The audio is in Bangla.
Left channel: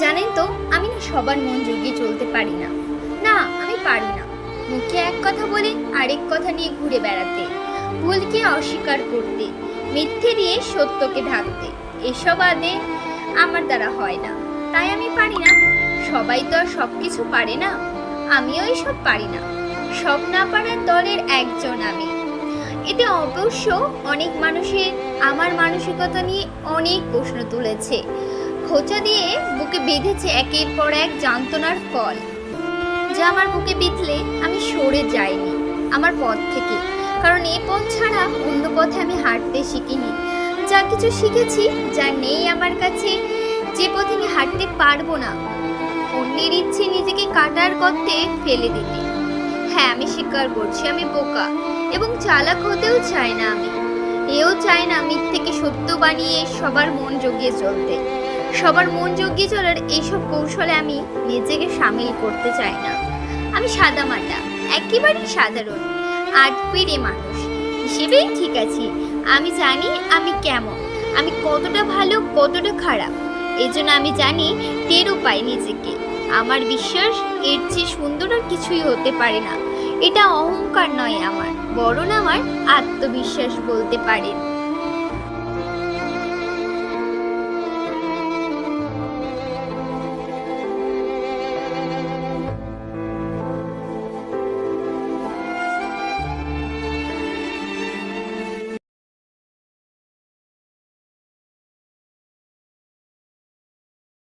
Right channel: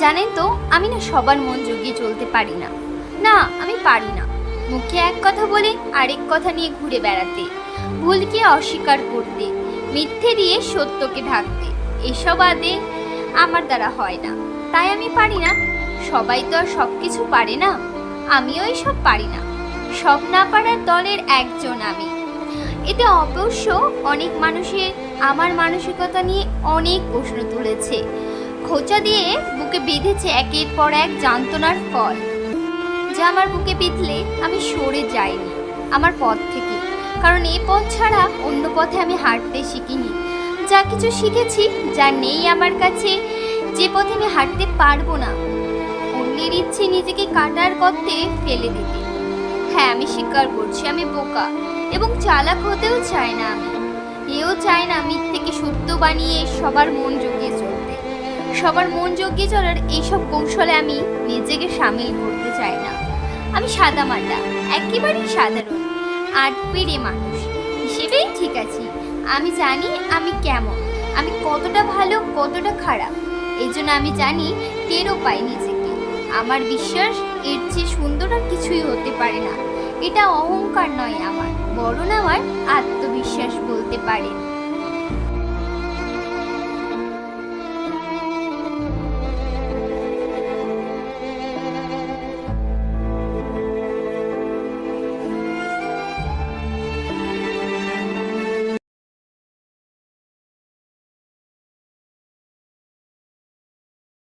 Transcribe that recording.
জানেন তো, আমি না সবার মন জুগিয়ে চলতে পারি না। না, আমি পারি না। মুখে এক কথা বলে, আরেক কথা নিয়ে ঘুরে বেড়াতে। ভুলকে অস্বীকার করতে, মিথ্যে দিয়ে সত্যকে ঢাকতে। এসব আদে আমার দ্বারা হয় না। তাই আমি পারি না। সবাই তো আর সব কিছু পারে না। আমিও এসব পারি না। সব না পারার দলের একজন আমি। এতে অবশ্য অনেক মানুষের আমার মানসিকতা নিয়ে অনেক প্রশ্ন তুলেছে। খোঁচা দিয়ে বুকে বেঁধেছে একের পর এক যন্ত্রণার ফল। যা আমার বুকে বিঁধলে আমি সরে যাইনি, আমার পথ থেকে। কারণ এই পথ ছাড়া অন্য পথে আমি হাঁটতে শিখিনি। যা কিছু শিখেছি, যা নেই আমার কাছে, যে পথে আমি হাঁটতে পারব না। অন্যের ইচ্ছে নিজেকে কাটার করতে ফেলে দিতে। হ্যাঁ আমি স্বীকার করছি, আমি বোকা, এবং চালাক হতেও চাই না আমি। এও চায় না মিথ্যেকে সত্য বানিয়ে সবার মন জগিয়ে চলতে। সবার মন জগিয়ে চলার এইসব কৌশলে আমি নিজেকে সামিল করতে চাই না। আমি সাদা মাটা, একেবারেই সাধারণ, আট পেরে মানুষ। হিসেবেই ঠিক আছি, আমি জানি আমি কেমন, আমি কতটা ভালো, কতটা খারাপ। এই জন্য আমি জানি টেরও পাই নিজেকে। আমার বিশ্বাস এর চেয়ে সুন্দর আর কিছুই হতে পারে না। এটা অহংকার নয় আমার, বরং আমার আত্মবিশ্বাস বলতে পারেন।